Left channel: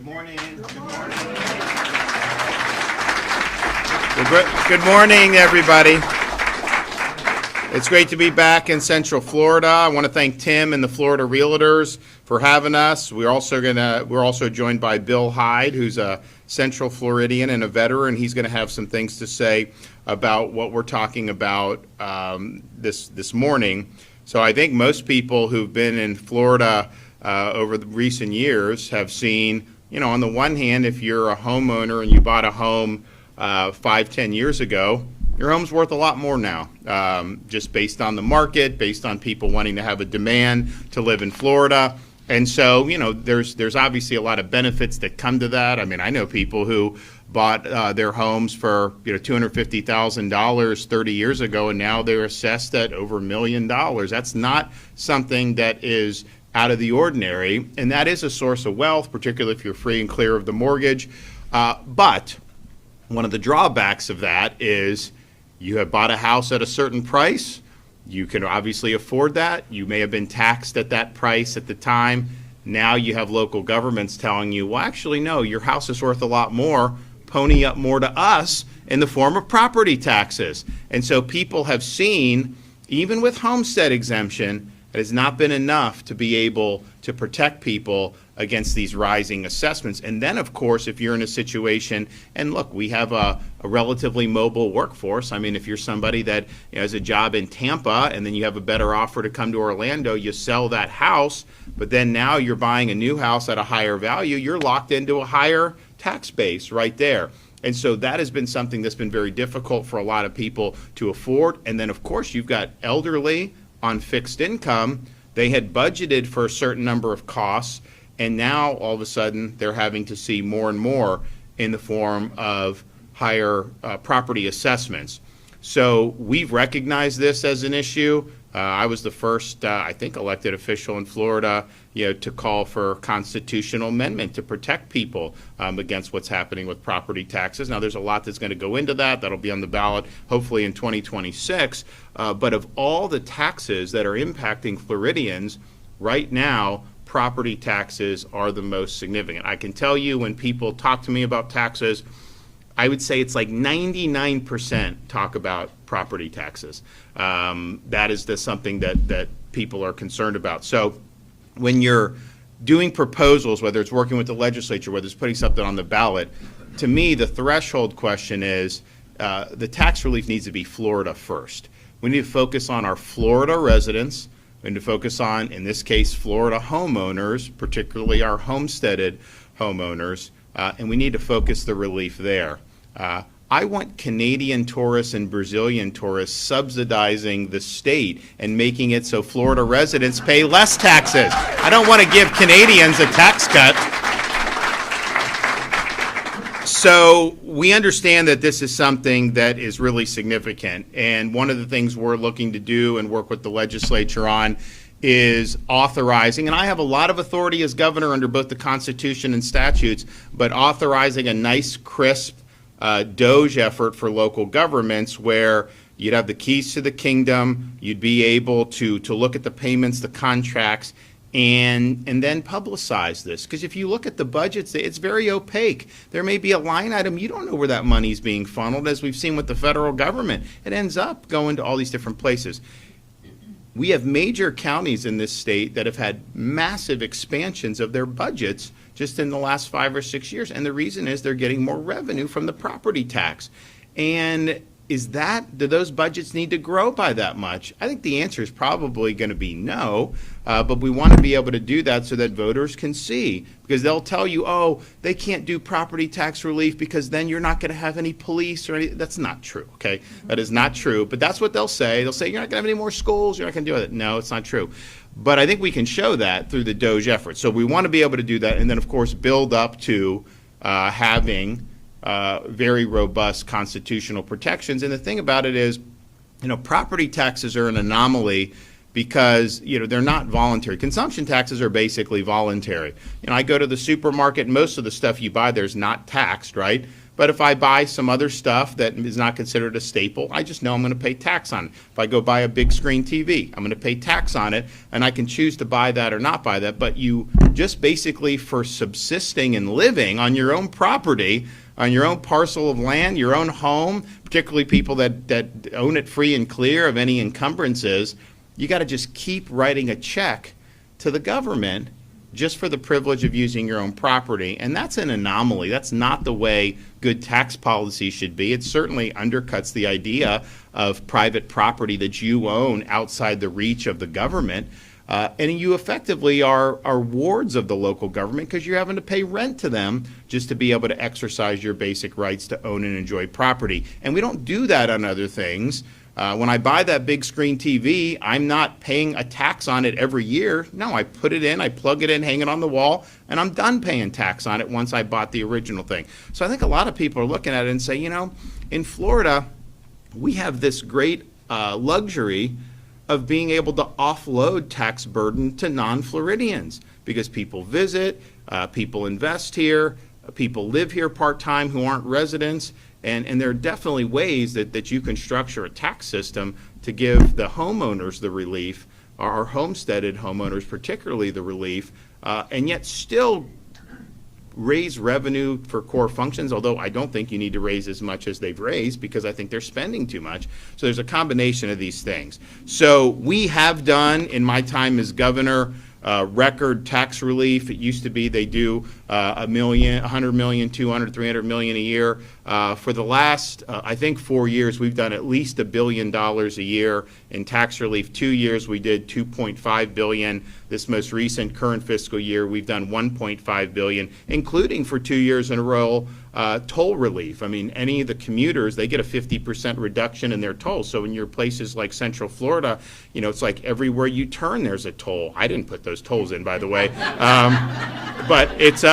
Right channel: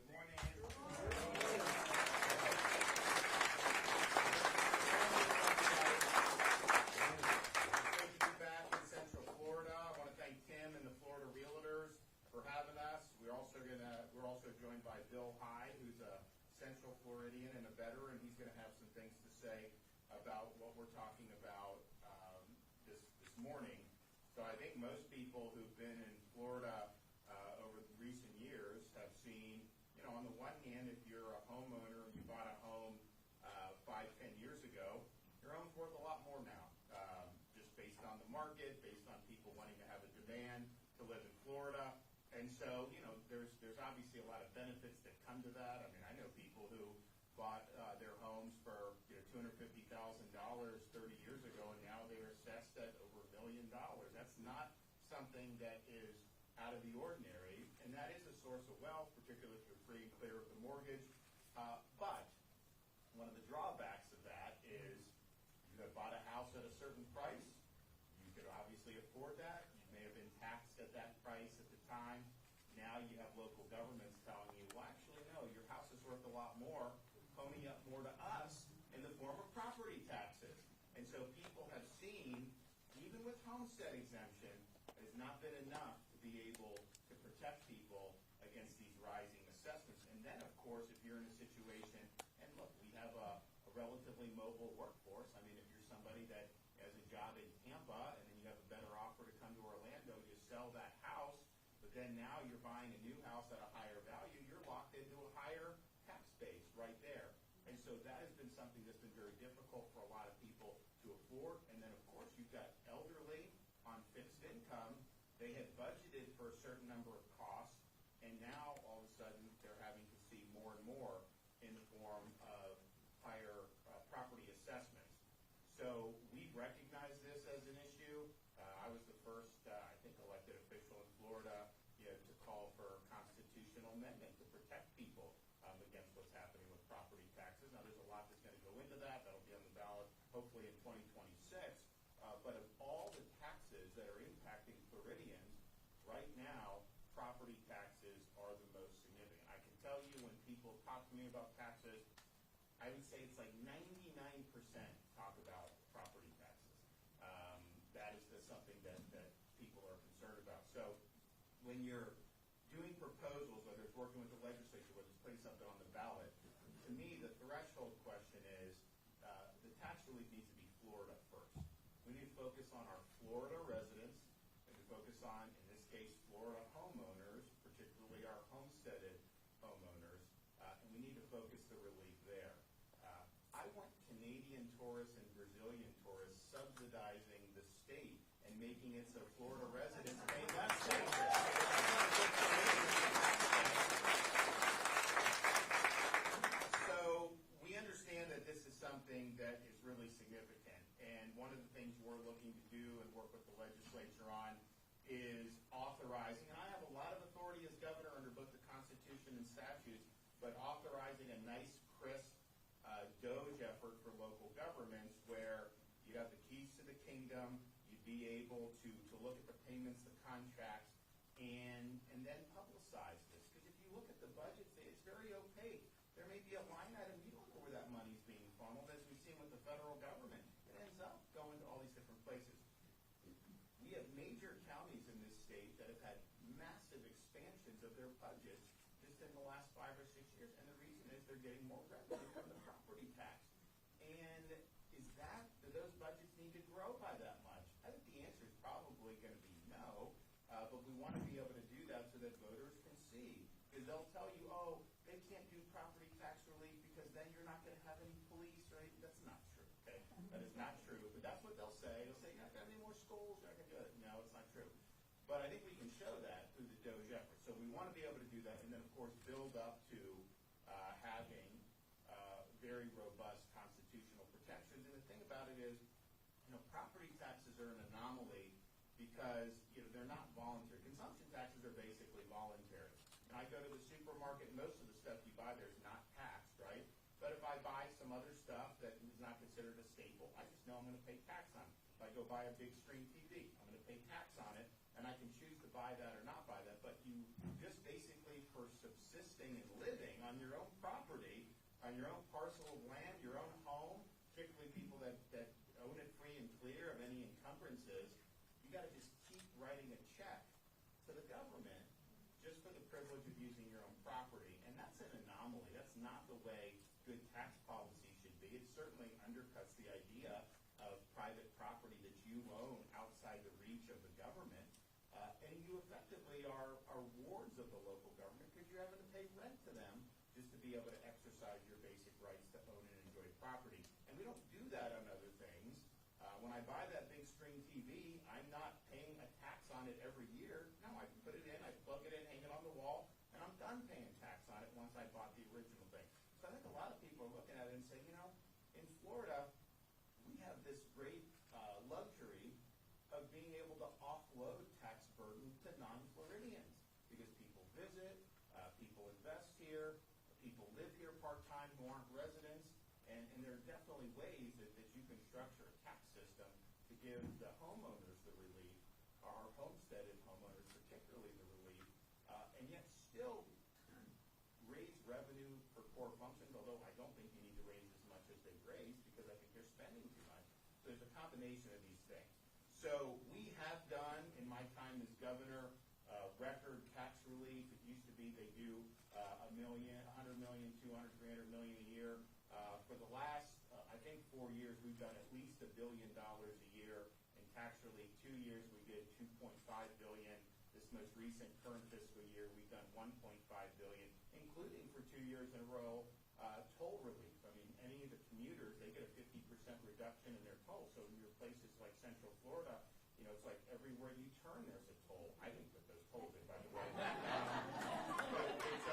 Good morning. Good morning, everybody. It's great to be back in Central Florida. I want to thank Tim and the Florida Realtors for having us. We're also joined by Bill Hyde, who's a Central Floridian and a veteran. He's going to have some things to say about what we're talking about this morning. So I think most people who've been in Florida over the recent years have seen, on the one hand, if you're a homeowner and you bought a home 5-10 years ago, your home's worth a lot more now, just based on the market, based on people wanting to have a demand to live in Florida. And so, there's obviously a lot of benefits that come to that. I mean, I know people who bought their homes for $250,000 30 years ago, and now they're assessed at over $1 million. That's not something that is out of the ordinary, and that is a source of wealth, particularly if you're free and clear of the mortgage. But one of the drawbacks of that is you have bought a house at a certain price. You can obviously afford that. You may have been taxed at that price at the time. Now you have local governments telling you, well, actually, no, your house is worth a lot more. Pony up more to us in the form of property taxes. And so people have seen, even with homestead exemption, it has not been enough to be able to protect people against these rising assessments. And then, of course, if you're in a situation, and look, we have a relatively mobile workforce. I mean, if you're somebody that has a job in Tampa and then you have a better offer to come to Orlando, you sell that house, but then now you're buying a new house at a higher value, you're locked into a higher tax base right there. And so that has been something that's been very difficult for a lot of people to afford. And then, of course, you've got elderly on fixed income. They had budgeted for a certain number of costs, and now all of a sudden they're having to see more and more in the form of higher property assessments. So we've recognized this as an issue. I was the first, I think, elected official in Florida, to call for constitutional amendment to protect people against what's happening with property taxes. Now, there's a lot that's going to go into that. That'll be on the ballot, hopefully, in 2026. But of all the taxes that are impacting Floridians, right now, property taxes are the most significant. I can tell you when people talk to me about taxes, I would say it's like 99% talk about property taxes. That is something that people are concerned about. So when you're doing proposals, whether it's working with the legislature, whether it's putting something on the ballot, to me, the threshold question is the tax relief needs to be Florida first. We need to focus on our Florida residents. We need to focus on, in this case, Florida homeowners, particularly our homesteaded homeowners, and we need to focus the relief there. I want Canadian tourists and Brazilian tourists subsidizing the state and making it so Florida residents pay less taxes. I don't want to give Canadians a tax cut. So we understand that this is something that is really significant, and one of the things we're looking to do and work with the legislature on is authorizing, and I have a lot of authority as governor under both the Constitution and statutes, but authorizing a nice, crisp DOGE effort for local governments where you'd have the keys to the kingdom, you'd be able to look at the payments, the contracts, and then publicize this. Because if you look at the budgets, it's very opaque. There may be a line item, you don't know where that money's being funneled, as we've seen with the federal government. It ends up going to all these different places. We have major counties in this state that have had massive expansions of their budgets just in the last 5 or 6 years. And the reason is they're getting more revenue from the property tax. And do those budgets need to grow by that much? I think the answer is probably going to be no, but we want to be able to do that so that voters can see, because they'll tell you, oh, they can't do property tax relief because then you're not going to have any police or anything. That's not true, okay? That is not true, but that's what they'll say. They'll say you're not going to have any more schools, you're not going to do it. No, it's not true. But I think we can show that through the DOGE effort. So we want to be able to do that, and then, of course, build up to having very robust constitutional protections. And the thing about it is, property taxes are an anomaly because, they're not voluntary. Consumption taxes are basically voluntary. I go to the supermarket, most of the stuff you buy there is not taxed, right? But if I buy some other stuff that is not considered a staple, I just know I'm going to pay tax on it. If I go buy a big screen TV, I'm going to pay tax on it, and I can choose to buy that or not buy that. But you just basically, for subsisting and living on your own property, on your own parcel of land, your own home, particularly people that own it free and clear of any encumbrances, you got to just keep writing a check to the government just for the privilege of using your own property. And that's an anomaly. That's not the way good tax policy should be. It certainly undercuts the idea of private property that you own outside the reach of the government. And you effectively are wards of the local government because you're having to pay rent to them just to be able to exercise your basic rights to own and enjoy property. And we don't do that on other things. When I buy that big screen TV, I'm not paying a tax on it every year. No, I put it in, I plug it in, hang it on the wall, and I'm done paying tax on it once I bought the original thing. So I think a lot of people are looking at it and say, you know, in Florida, we have this great luxury of being able to offload tax burden to non-Floridians because people visit, people invest here, people live here part-time who aren't residents. And there are definitely ways that you can structure a tax system to give the homeowners the relief, our homesteaded homeowners particularly the relief, and yet still raise revenue for core functions, although I don't think you need to raise as much as they've raised because I think they're spending too much. So there's a combination of these things. So we have done, in my time as governor, record tax relief. It used to be they do $1 million, $100 million, $200, $300 million a year. For the last, I think 4 years, we've done at least $1 billion a year in tax relief. 2 years we did $2.5 billion. This most recent current fiscal year, we've done $1.5 billion, including for 2 years in a row toll relief. I mean, any of the commuters, they get a 50% reduction in their tolls. So in your places like Central Florida, you know, it's like everywhere you turn, there's a toll. I didn't put those tolls in, by the way. But it's,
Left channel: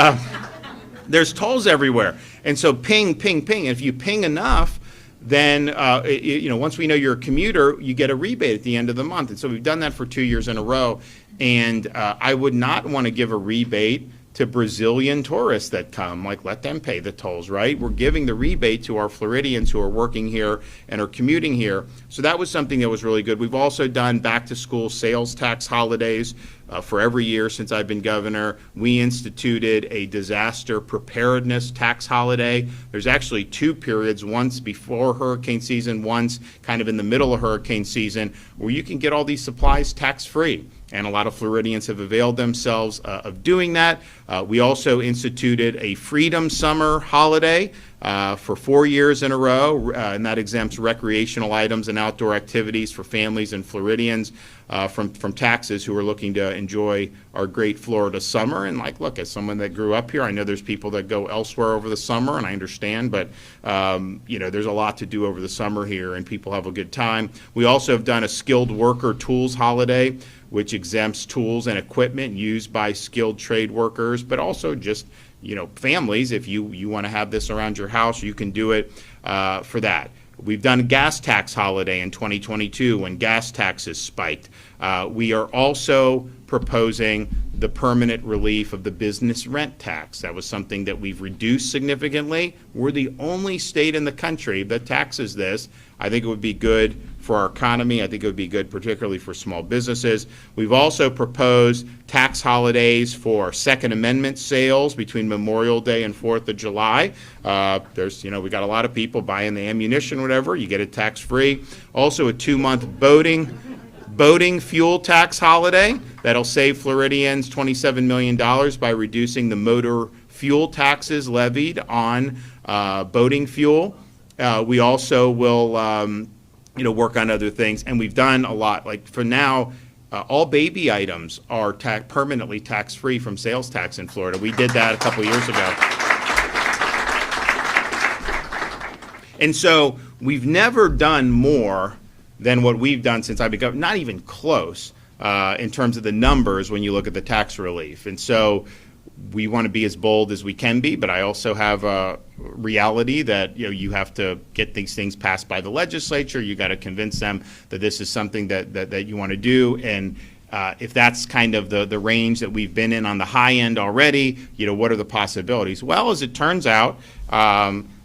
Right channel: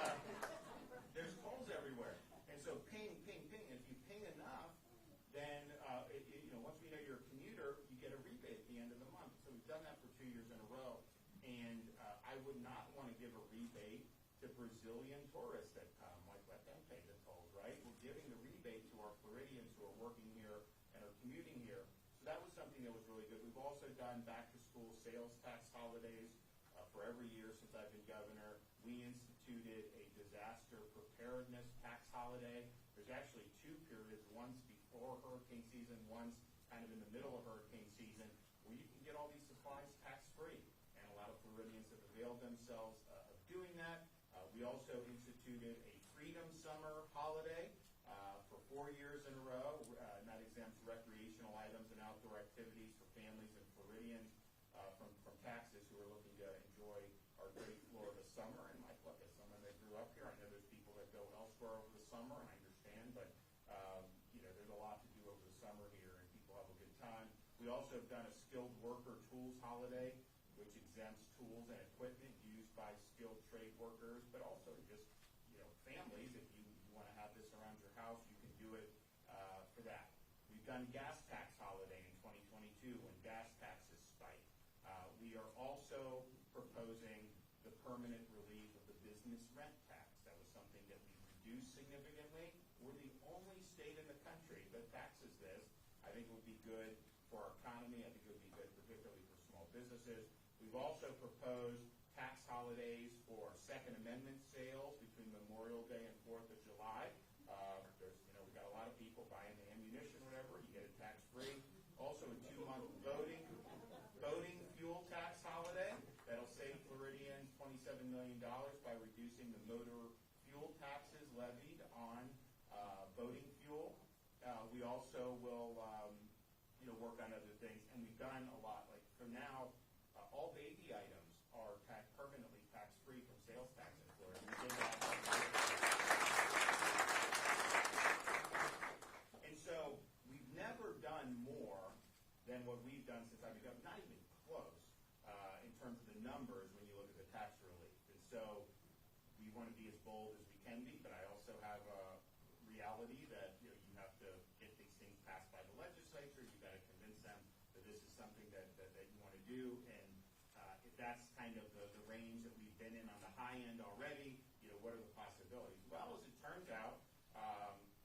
there's tolls everywhere. And so ping, ping, ping. If you ping enough, then, you know, once we know you're a commuter, you get a rebate at the end of the month. And so we've done that for 2 years in a row. And I would not want to give a rebate to Brazilian tourists that come, like let them pay the tolls, right? We're giving the rebate to our Floridians who are working here and are commuting here. So that was something that was really good. We've also done back to school sales tax holidays for every year since I've been governor. We instituted a disaster preparedness tax holiday. There's actually 2 periods, once before hurricane season, once kind of in the middle of hurricane season, where you can get all these supplies tax-free. And a lot of Floridians have availed themselves of doing that. We also instituted a Freedom Summer holiday for 4 years in a row, and that exempts recreational items and outdoor activities for families and Floridians from taxes who are looking to enjoy our great Florida summer. And like, look, as someone that grew up here, I know there's people that go elsewhere over the summer, and I understand, but you know, there's a lot to do over the summer here, and people have a good time. We also have done a skilled worker tools holiday, which exempts tools and equipment used by skilled trade workers, but also just, you know, families. If you want to have this around your house, you can do it for that. We've done a gas tax holiday in 2022 when gas taxes spiked. We are also proposing the permanent relief of the business rent tax. That was something that we've reduced significantly. We're the only state in the country that taxes this. I think it would be good for our economy. I think it would be good particularly for small businesses. We've also proposed tax holidays for Second Amendment sales between Memorial Day and 4th of July. There's, you know, we got a lot of people buying the ammunition, whatever. You get it tax-free. Also a 2-month boating fuel tax holiday that'll save Floridians $27 million by reducing the motor fuel taxes levied on boating fuel. We also will you know, work on other things, and we've done a lot. Like for now, all baby items are permanently tax-free from sales tax in Florida. We did that a couple years ago. And so we've never done more than what we've done since I've been governor, not even close in terms of the numbers when you look at the tax relief. And so we want to be as bold as we can be, but I also have a reality that, you know, you have to get these things passed by the legislature. You got to convince them that this is something that you want to do. And if that's kind of the range that we've been in on the high end already, you know, what are the possibilities? Well, as it turns out,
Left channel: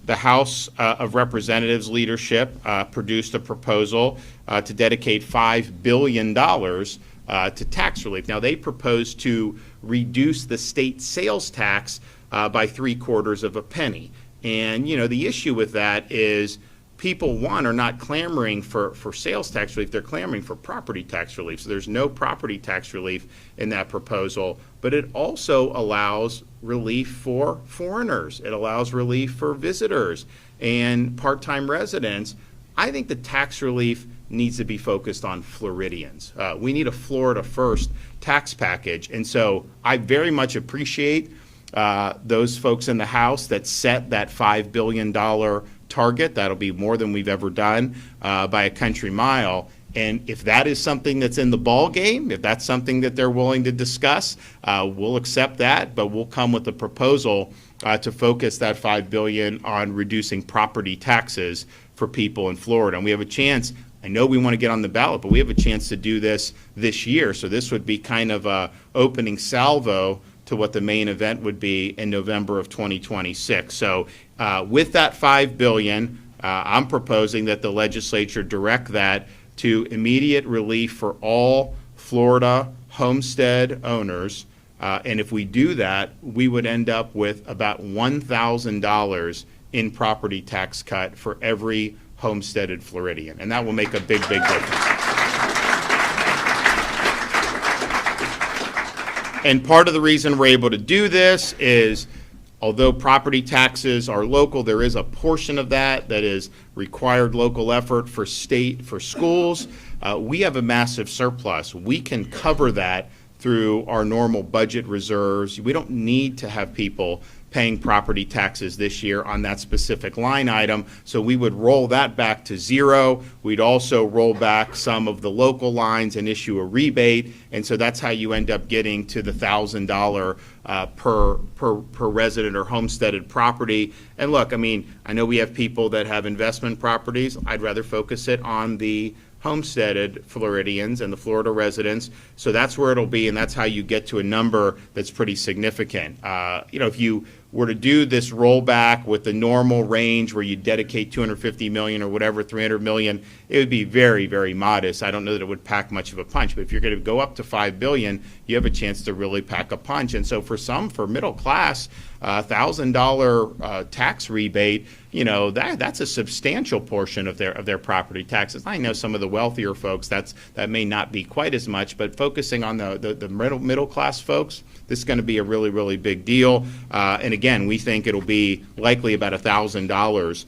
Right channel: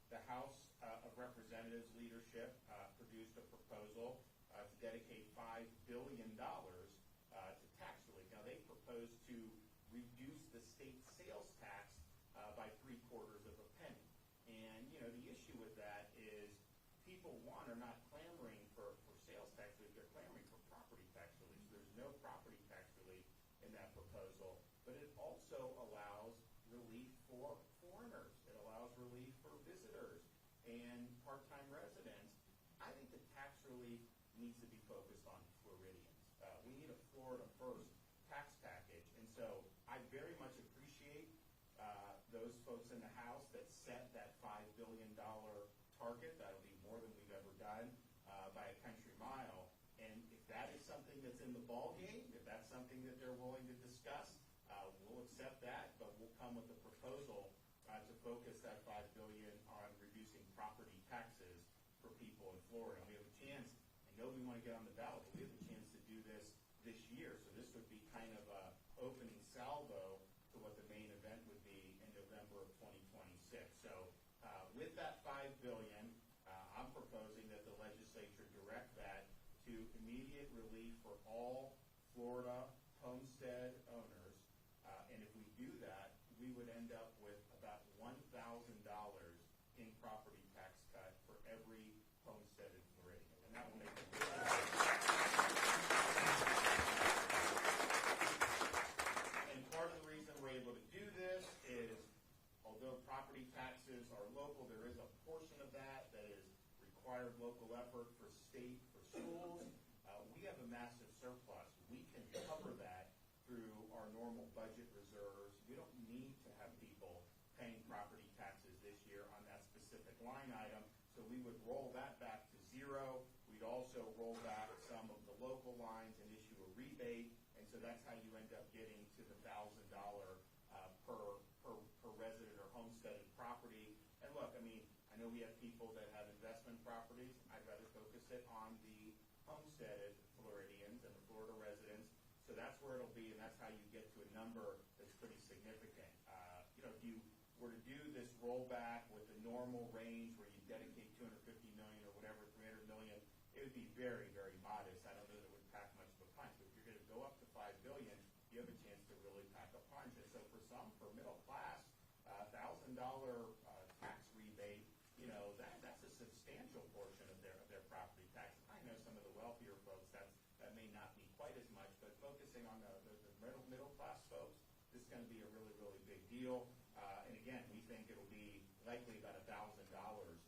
the House of Representatives leadership produced a proposal to dedicate $5 billion to tax relief. Now, they proposed to reduce the state sales tax by 3/4 of a penny. And, the issue with that is people, one, are not clamoring for sales tax relief. They're clamoring for property tax relief. So there's no property tax relief in that proposal. But it also allows relief for foreigners. It allows relief for visitors and part-time residents. I think the tax relief needs to be focused on Floridians. We need a Florida first tax package. And so I very much appreciate those folks in the House that set that $5 billion target. That'll be more than we've ever done by a country mile. And if that is something that's in the ball game, if that's something that they're willing to discuss, we'll accept that, but we'll come with a proposal to focus that $5 billion on reducing property taxes for people in Florida. And we have a chance. I know we want to get on the ballot, but we have a chance to do this year. So this would be kind of a opening salvo to what the main event would be in November of 2026. So with that $5 billion, I'm proposing that the legislature direct that to immediate relief for all Florida homestead owners. And if we do that, we would end up with about $1,000 in property tax cut for every homesteaded Floridian. And that will make a big, big difference. And part of the reason we're able to do this is, although property taxes are local, there is a portion of that is required local effort for schools. We have a massive surplus. We can cover that through our normal budget reserves. We don't need to have people paying property taxes this year on that specific line item. So we would roll that back to zero. We'd also roll back some of the local lines and issue a rebate. And so that's how you end up getting to the $1,000 per resident or homesteaded property. And look, I know we have people that have investment properties. I'd rather focus it on the homesteaded Floridians and the Florida residents. So that's where it'll be, and that's how you get to a number that's pretty significant. If you were to do this rollback with the normal range where you dedicate $250 million or whatever, $300 million, it would be very, very modest. I don't know that it would pack much of a punch, but if you're going to go up to $5 billion, you have a chance to really pack a punch. And so for middle class, $1,000 tax rebate, that's a substantial portion of their property taxes. I know some of the wealthier folks that may not be quite as much, but focusing on the middle class folks, this is going to be a really, really big deal. And again, we think it'll be likely about $1,000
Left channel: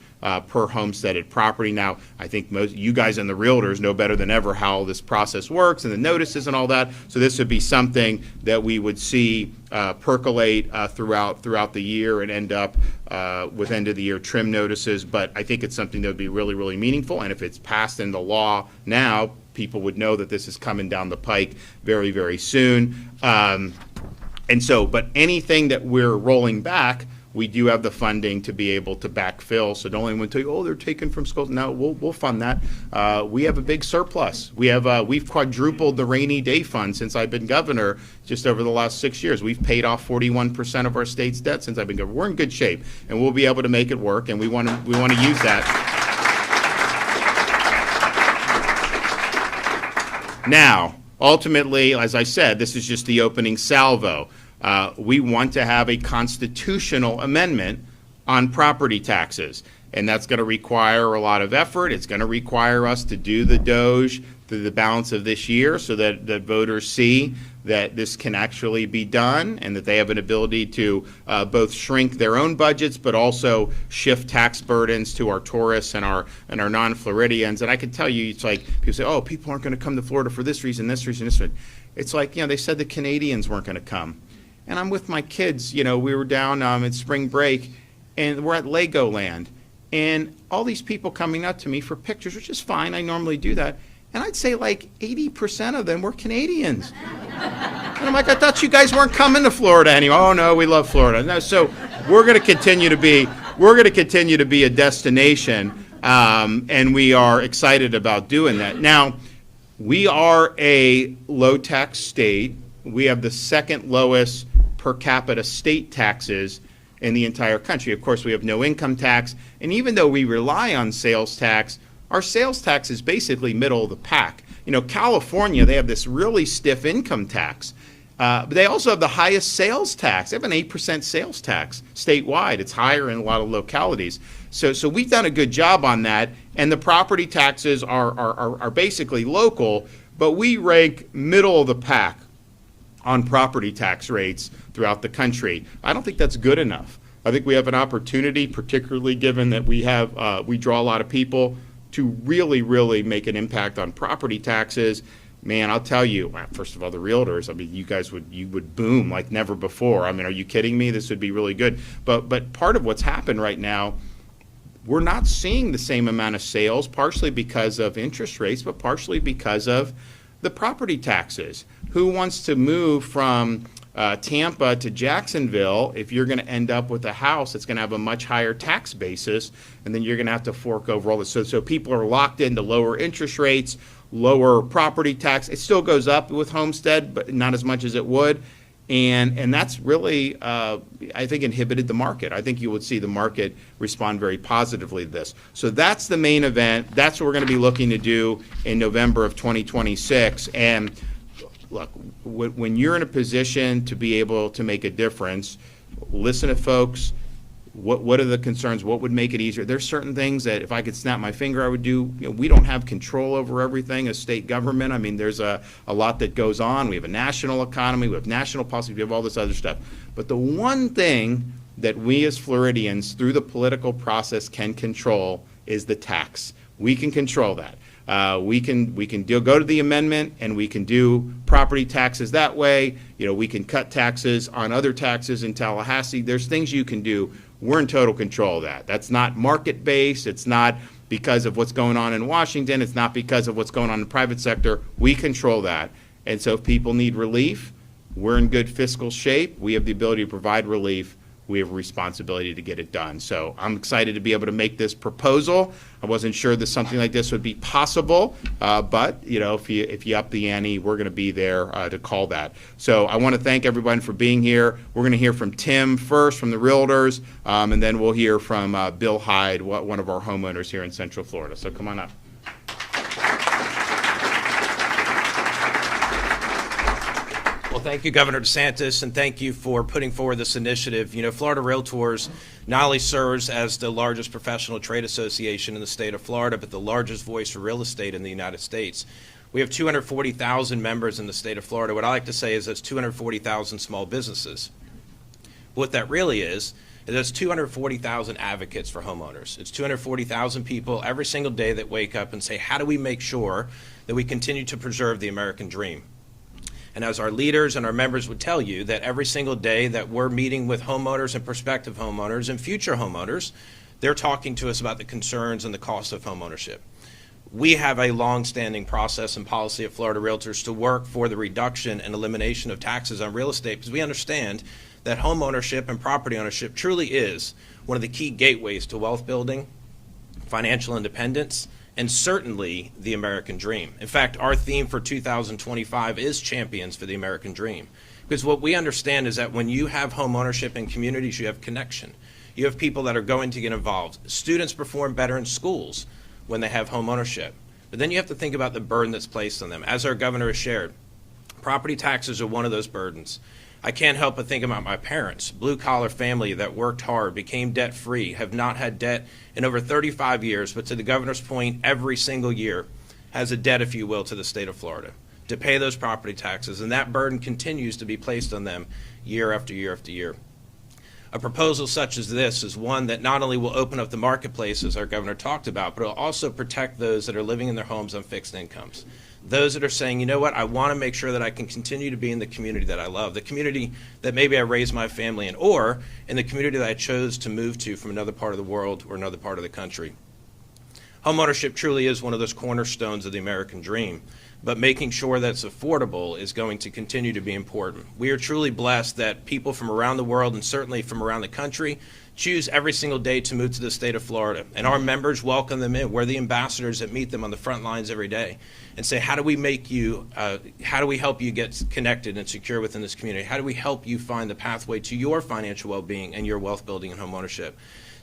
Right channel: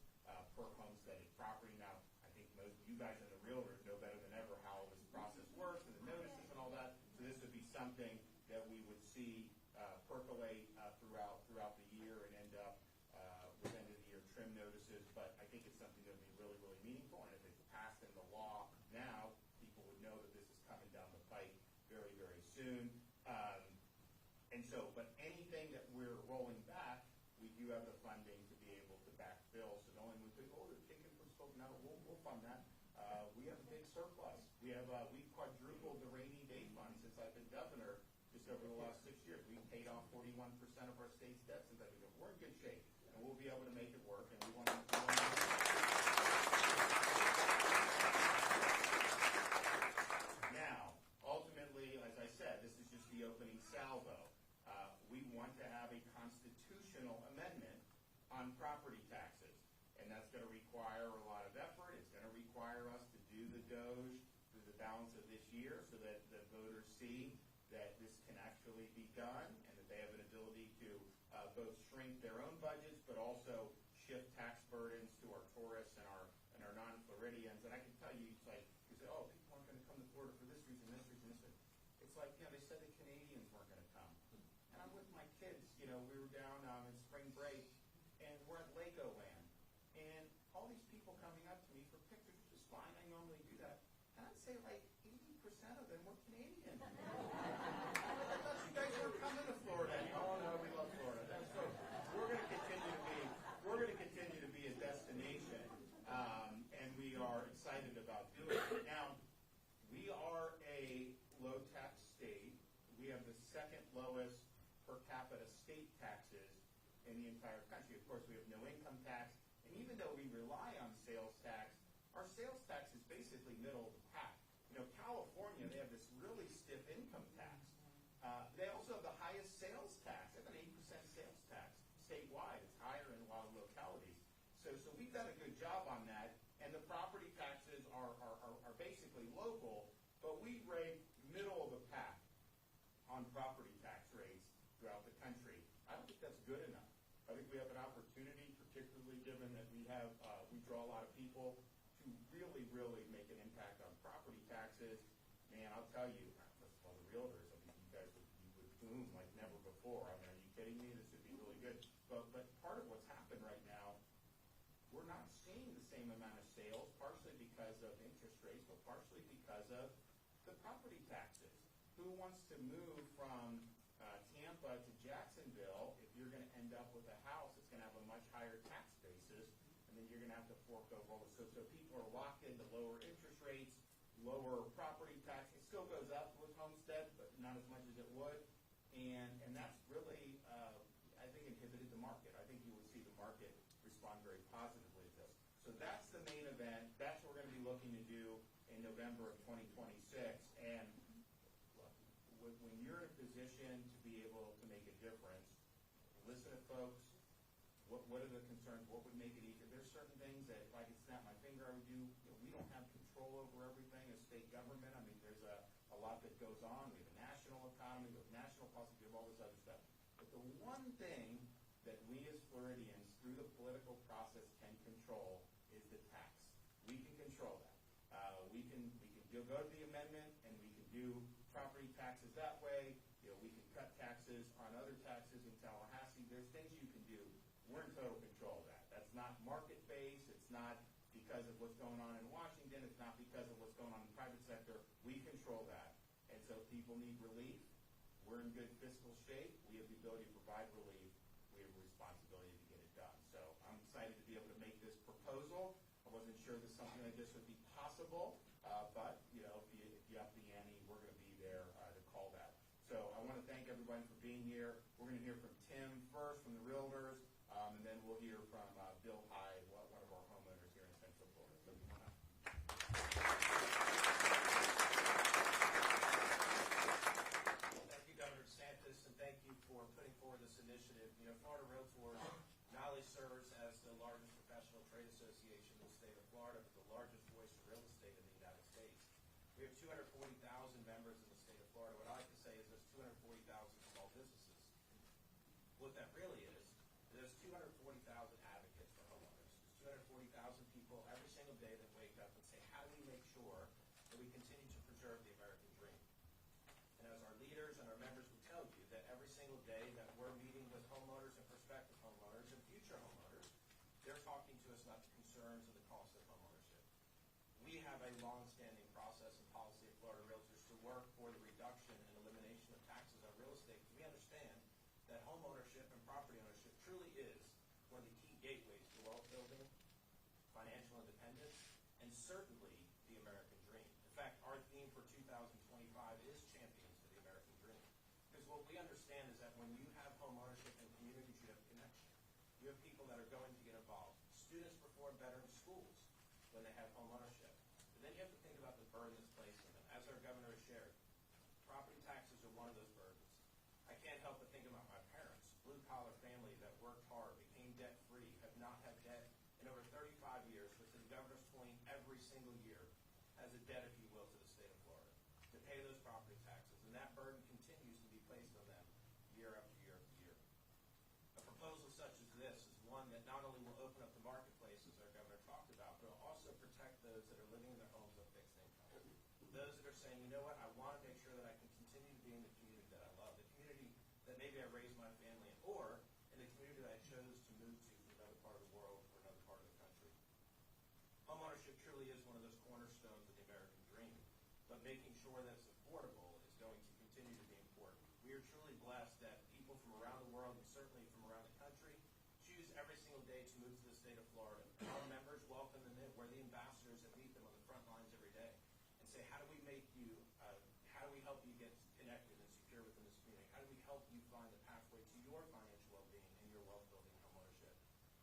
per homesteaded property. Now, I think most you guys and the realtors know better than ever how this process works and the notices and all that. So this would be something that we would see percolate throughout the year and end up with end of the year trim notices. But I think it's something that would be really, really meaningful. And if it's passed into law now, people would know that this is coming down the pike very, very soon. But anything that we're rolling back, we do have the funding to be able to backfill. So don't anyone tell you, they're taken from schools. No, we'll fund that. We have a big surplus. We've quadrupled the rainy day fund since I've been governor. Just over the last 6 years, we've paid off 41% of our state's debt since I've been governor. We're in good shape, and we'll be able to make it work. And we want to use that. Now, ultimately, as I said, this is just the opening salvo. We want to have a constitutional amendment on property taxes, and that's going to require a lot of effort. It's going to require us to do the DOGE through the balance of this year so that voters see that this can actually be done and that they have an ability to both shrink their own budgets but also shift tax burdens to our tourists and our non-Floridians. And I can tell you, it's like people say, people aren't going to come to Florida for this reason, this reason, this reason. It's like, they said the Canadians weren't going to come. And I'm with my kids, we were down in spring break, and we're at Legoland, and all these people coming up to me for pictures, which is fine, I normally do that, and I'd say like 80% of them were Canadians. And I'm like, I thought you guys weren't coming to Florida anymore. Oh no, we love Florida. No, so we're going to continue to be a destination, and we are excited about doing that. Now, we are a low tax state. We have the second lowest per capita state taxes in the entire country. Of course, we have no income tax, and even though we rely on sales tax, our sales tax is basically middle of the pack. You know, California, they have this really stiff income tax. But they also have the highest sales tax. They have an 8% sales tax statewide. It's higher in a lot of localities. So we've done a good job on that. And the property taxes are basically local, but we rank middle of the pack on property tax rates throughout the country. I don't think that's good enough. I think we have an opportunity, particularly given that we draw a lot of people, to really, really make an impact on property taxes. Man, I'll tell you, first of all, the realtors, I mean, you would boom like never before. I mean, are you kidding me? This would be really good. But part of what's happened right now, we're not seeing the same amount of sales, partially because of interest rates, but partially because of the property taxes. Who wants to move from Tampa to Jacksonville if you're going to end up with a house that's going to have a much higher tax basis, and then you're going to have to fork over all this? So people are locked into lower interest rates, lower property tax. It still goes up with homestead, but not as much as it would. And that's really, I think, inhibited the market. I think you would see the market respond very positively to this. So that's the main event. That's what we're going to be looking to do in November of 2026. And look, when you're in a position to be able to make a difference, listen to folks. What are the concerns? What would make it easier? There's certain things that if I could snap my finger, I would do. You know, we don't have control over everything as state government. I mean, there's a lot that goes on. We have a national economy. We have national policy. We have all this other stuff. But the one thing that we as Floridians, through the political process, can control is the tax. We can control that. We can go to the amendment, and we can do property taxes that way. You know, we can cut taxes on other taxes in Tallahassee. There's things you can do. We're in total control of that. That's not market-based. It's not because of what's going on in Washington. It's not because of what's going on in the private sector. We control that. And so if people need relief, we're in good fiscal shape. We have the ability to provide relief. We have a responsibility to get it done. So I'm excited to be able to make this proposal. I wasn't sure that something like this would be possible, but you know, if you up the ante, we're going to be there to call that. So I want to thank everyone for being here. We're going to hear from Tim first, from the Realtors, and then we'll hear from Bill Hyde, one of our homeowners here in Central Florida. So come on up. Well, thank you, Governor DeSantis, and thank you for putting forward this initiative. You know, Florida Realtors not only serves as the largest professional trade association in the state of Florida, but the largest voice for real estate in the United States. We have 240,000 members in the state of Florida. What I like to say is that's 240,000 small businesses. What that really is that's 240,000 advocates for homeowners. It's 240,000 people every single day that wake up and say, how do we make sure that we continue to preserve the American dream? And as our leaders and our members would tell you, that every single day that we're meeting with homeowners and prospective homeowners and future homeowners, they're talking to us about the concerns and the cost of homeownership. We have a long-standing process and policy at Florida Realtors to work for the reduction and elimination of taxes on real estate, because we understand that homeownership and property ownership truly is one of the key gateways to wealth building, financial independence, and certainly the American dream. In fact, our theme for 2025 is Champions for the American Dream. Because what we understand is that when you have home ownership in communities, you have connection. You have people that are going to get involved. Students perform better in schools when they have home ownership. But then you have to think about the burden that's placed on them. As our governor has shared, property taxes are one of those burdens. I can't help but think about my parents, blue-collar family that worked hard, became debt-free, have not had debt in over 35 years, but to the governor's point, every single year has a debt, if you will, to the state of Florida to pay those property taxes, and that burden continues to be placed on them year after year after year. A proposal such as this is one that not only will open up the marketplace, as our governor talked about, but it will also protect those that are living in their homes on fixed incomes. Those that are saying, you know what, I want to make sure that I can continue to be in the community that I love, the community that maybe I raised my family in, or in the community that I chose to move to from another part of the world or another part of the country. Homeownership truly is one of those cornerstones of the American dream. but making sure that it's affordable is going to continue to be important. We are truly blessed that people from around the world and certainly from around the country choose every single day to move to the state of Florida, and our members welcome them in. We're the ambassadors that meet them on the front lines every day and say, how do we help you get connected and secure within this community? How do we help you find the pathway to your financial well-being and your wealth building and home ownership?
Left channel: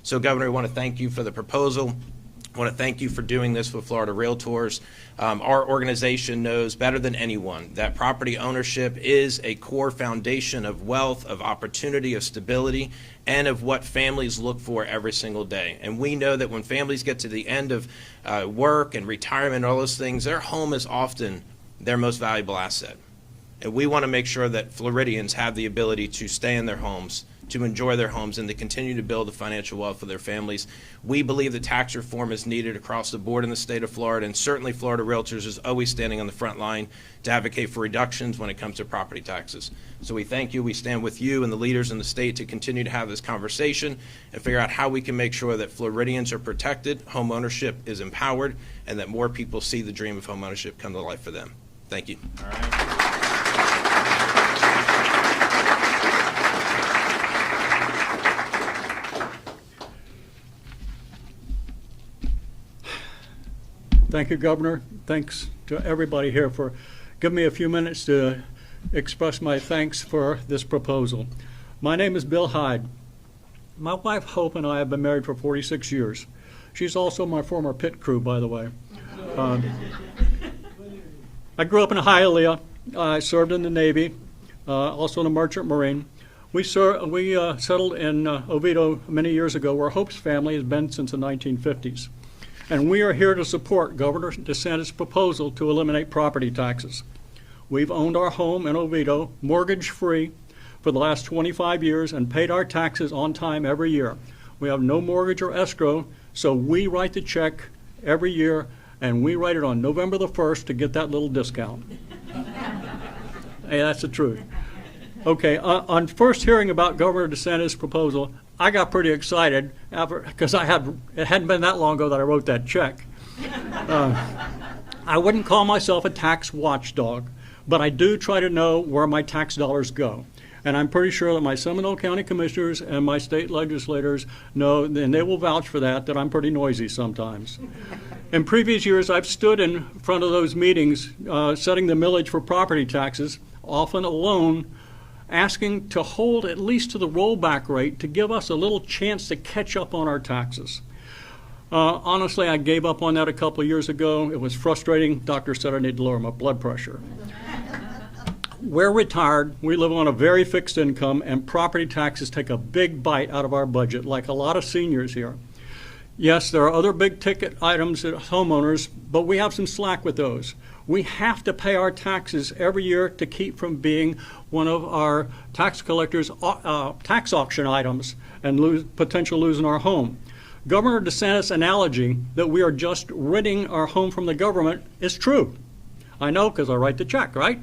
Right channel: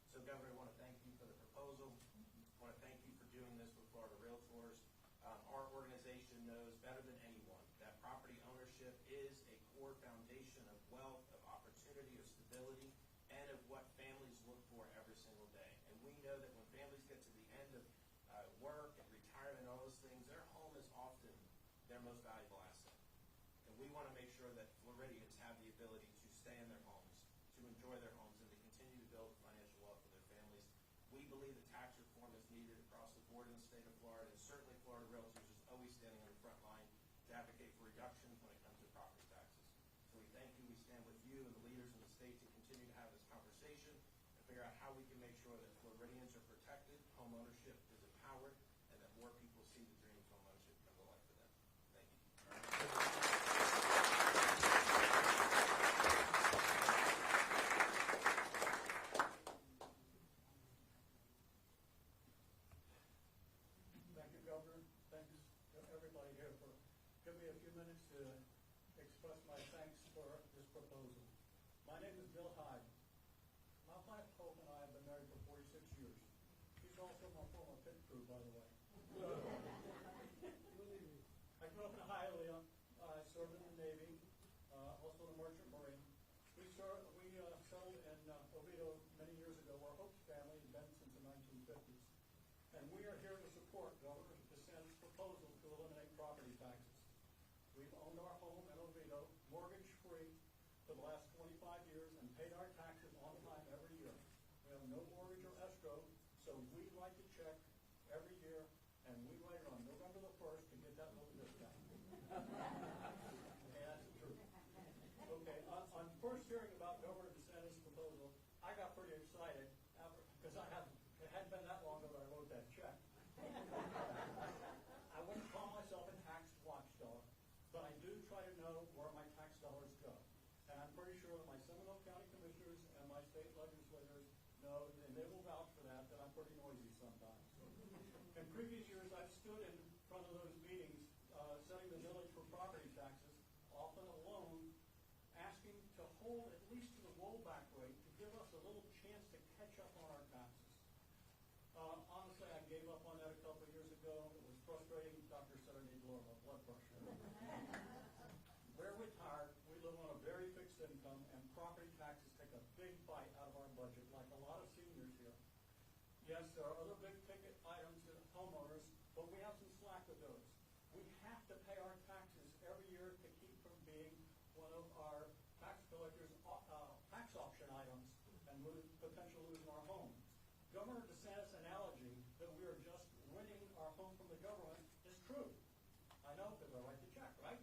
So, Governor, I want to thank you for the proposal. I want to thank you for doing this with Florida Realtors. Our organization knows better than anyone that property ownership is a core foundation of wealth, of opportunity, of stability, and of what families look for every single day. And we know that when families get to the end of work and retirement and all those things, their home is often their most valuable asset. And we want to make sure that Floridians have the ability to stay in their homes, to enjoy their homes, and to continue to build the financial wealth for their families. We believe that tax reform is needed across the board in the state of Florida, and certainly Florida Realtors is always standing on the front line to advocate for reductions when it comes to property taxes. So we thank you. We stand with you and the leaders in the state to continue to have this conversation and figure out how we can make sure that Floridians are protected, home ownership is empowered, and that more people see the dream of home ownership come to life for them. Thank you. All right. Thank you, Governor. Thanks to everybody here for giving me a few minutes to express my thanks for this proposal. My name is Bill Hyde. My wife, Hope, and I have been married for 46 years. She's also my former pit crew, by the way. I grew up in Hialeah. I served in the Navy, also in the Merchant Marine. We settled in Oviedo many years ago, where Hope's family has been since the 1950s. And we are here to support Governor DeSantis' proposal to eliminate property taxes. We've owned our home in Oviedo mortgage-free for the last 25 years and paid our taxes on time every year. We have no mortgage or escrow, so we write the check every year, and we write it on November the 1st to get that little discount. Hey, that's the truth. Okay, on first hearing about Governor DeSantis' proposal, I got pretty excited because it hadn't been that long ago that I wrote that check. I wouldn't call myself a tax watchdog, but I do try to know where my tax dollars go. And I'm pretty sure that my Seminole County commissioners and my state legislators know, and they will vouch for that I'm pretty noisy sometimes. In previous years, I've stood in front of those meetings setting the millage for property taxes, often alone, asking to hold at least to the rollback rate to give us a little chance to catch up on our taxes. Honestly, I gave up on that a couple of years ago. It was frustrating. Doctor said I need to lower my blood pressure. We're retired. We live on a very fixed income, and property taxes take a big bite out of our budget, like a lot of seniors here. Yes, there are other big ticket items at homeowners, but we have some slack with those. We have to pay our taxes every year to keep from being one of our tax collectors' tax auction items and potential losing our home. Governor DeSantis' analogy that we are just renting our home from the government is true. I know because I write the check, right?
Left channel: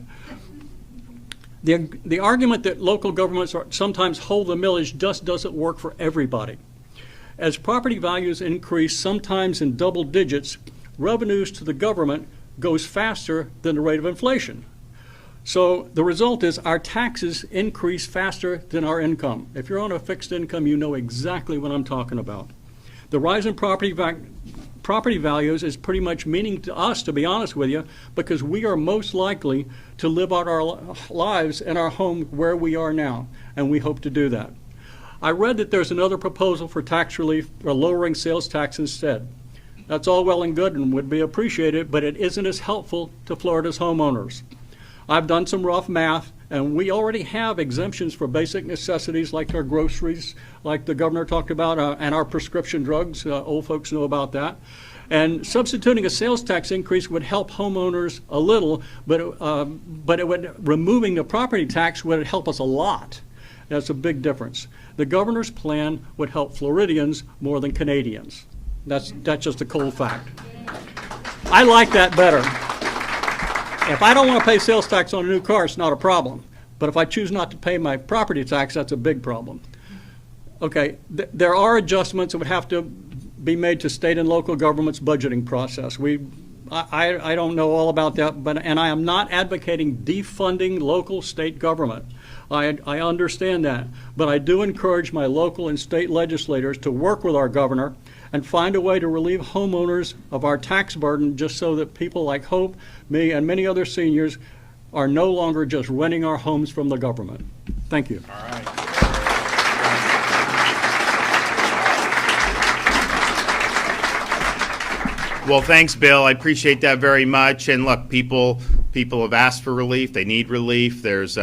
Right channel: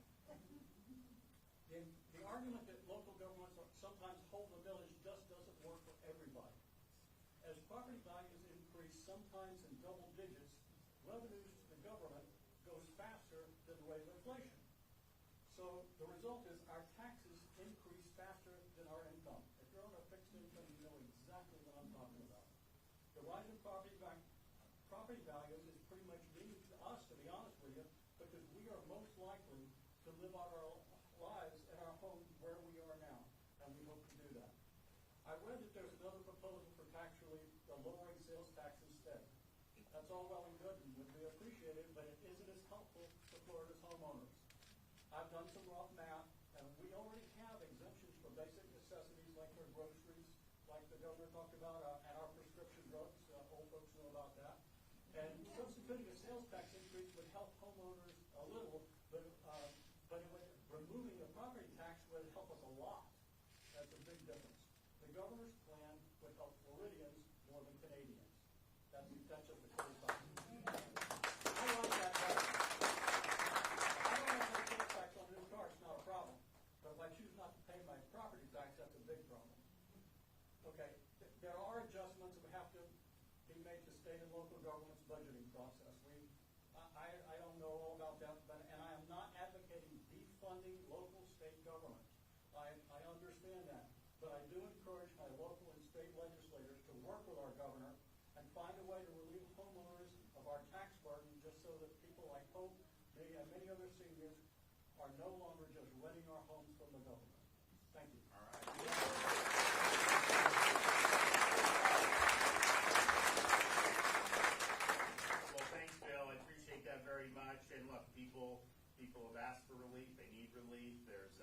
The argument that local governments sometimes hold the millage just doesn't work for everybody. As property values increase, sometimes in double digits, revenues to the government goes faster than the rate of inflation. So the result is our taxes increase faster than our income. If you're on a fixed income, you know exactly what I'm talking about. The rise in property values is pretty much meaning to us, to be honest with you, because we are most likely to live out our lives in our home where we are now, and we hope to do that. I read that there's another proposal for tax relief or lowering sales tax instead. That's all well and good and would be appreciated, but it isn't as helpful to Florida's homeowners. I've done some rough math, and we already have exemptions for basic necessities like our groceries, like the governor talked about, and our prescription drugs. Old folks know about that. And substituting a sales tax increase would help homeowners a little, but removing the property tax would help us a lot. That's a big difference. The governor's plan would help Floridians more than Canadians. That's just a cold fact. I like that better. If I don't want to pay sales tax on a new car, it's not a problem. But if I choose not to pay my property tax, that's a big problem. Okay, there are adjustments that would have to be made to state and local government's budgeting process. We I don't know all about that, and I am not advocating defunding local state government. I understand that, but I do encourage my local and state legislators to work with our governor and find a way to relieve homeowners of our tax burden, just so that people like Hope, me, and many other seniors are no longer just renting our homes from the government. Thank you. All right. Well, thanks, Bill. I appreciate that very much. And look, people have asked for relief. They need relief. There's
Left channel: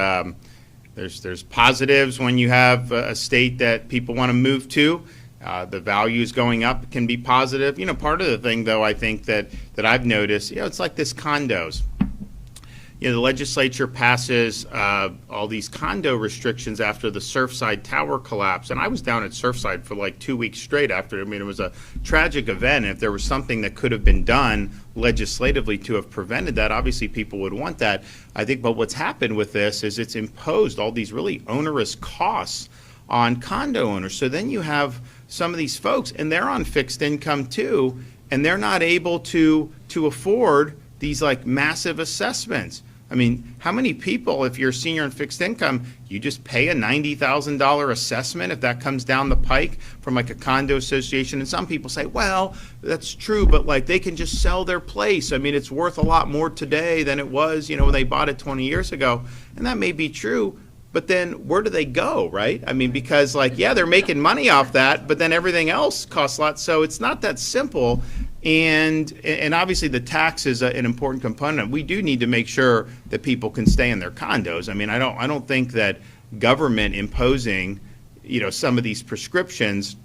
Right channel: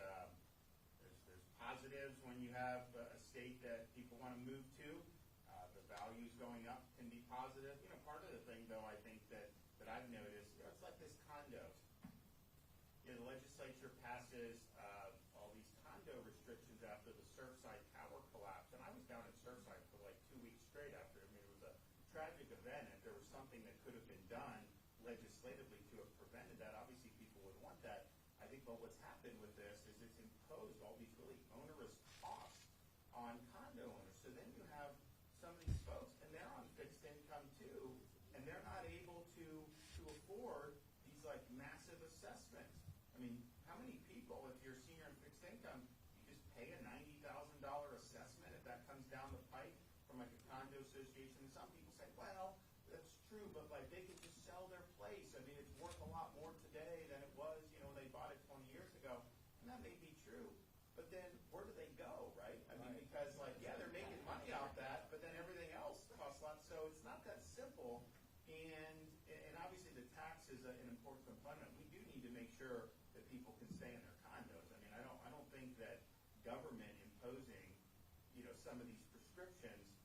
positives when you have a state that people want to move to. The values going up can be positive. You know, part of the thing, though, I think that I've noticed, it's like this condos. The legislature passes all these condo restrictions after the Surfside Tower collapse. And I was down at Surfside for like 2 weeks straight after. I mean, it was a tragic event. If there was something that could have been done legislatively to have prevented that, obviously people would want that. I think, but what's happened with this is it's imposed all these really onerous costs on condo owners. So then you have some of these folks, and they're on fixed income too, and they're not able to afford these like massive assessments. I mean, how many people, if you're a senior in fixed income, you just pay a $90,000 assessment if that comes down the pike from like a condo association? And some people say, well, that's true, but like they can just sell their place. I mean, it's worth a lot more today than it was, when they bought it 20 years ago. And that may be true, but then where do they go, right? I mean, because like, yeah, they're making money off that, but then everything else costs a lot. So it's not that simple. And obviously the tax is an important component. We do need to make sure that people can stay in their condos. I mean, I don't think that government imposing, some of these prescriptions,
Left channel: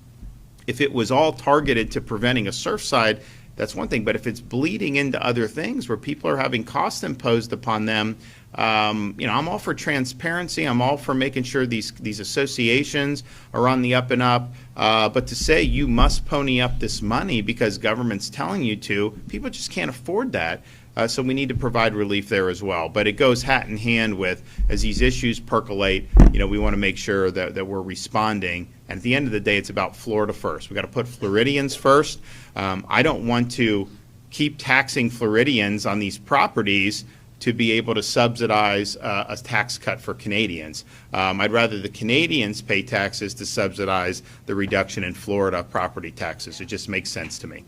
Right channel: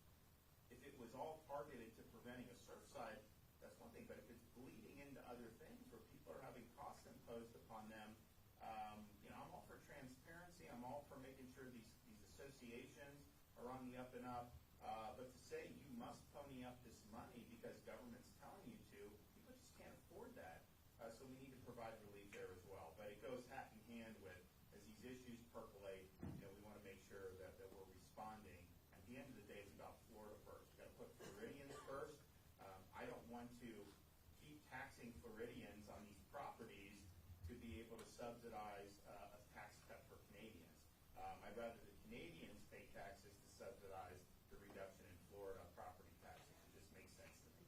if it was all targeted to preventing a Surfside, that's one thing. But if it's bleeding into other things where people are having costs imposed upon them, I'm all for transparency. I'm all for making sure these associations are on the up and up. But to say you must pony up this money because government's telling you to, people just can't afford that. So we need to provide relief there as well. But it goes hat in hand with, as these issues percolate, we want to make sure that we're responding. And at the end of the day, it's about Florida first. We've got to put Floridians first. I don't want to keep taxing Floridians on these properties to be able to subsidize a tax cut for Canadians. I'd rather the Canadians pay taxes to subsidize the reduction in Florida property taxes. It just makes sense to me.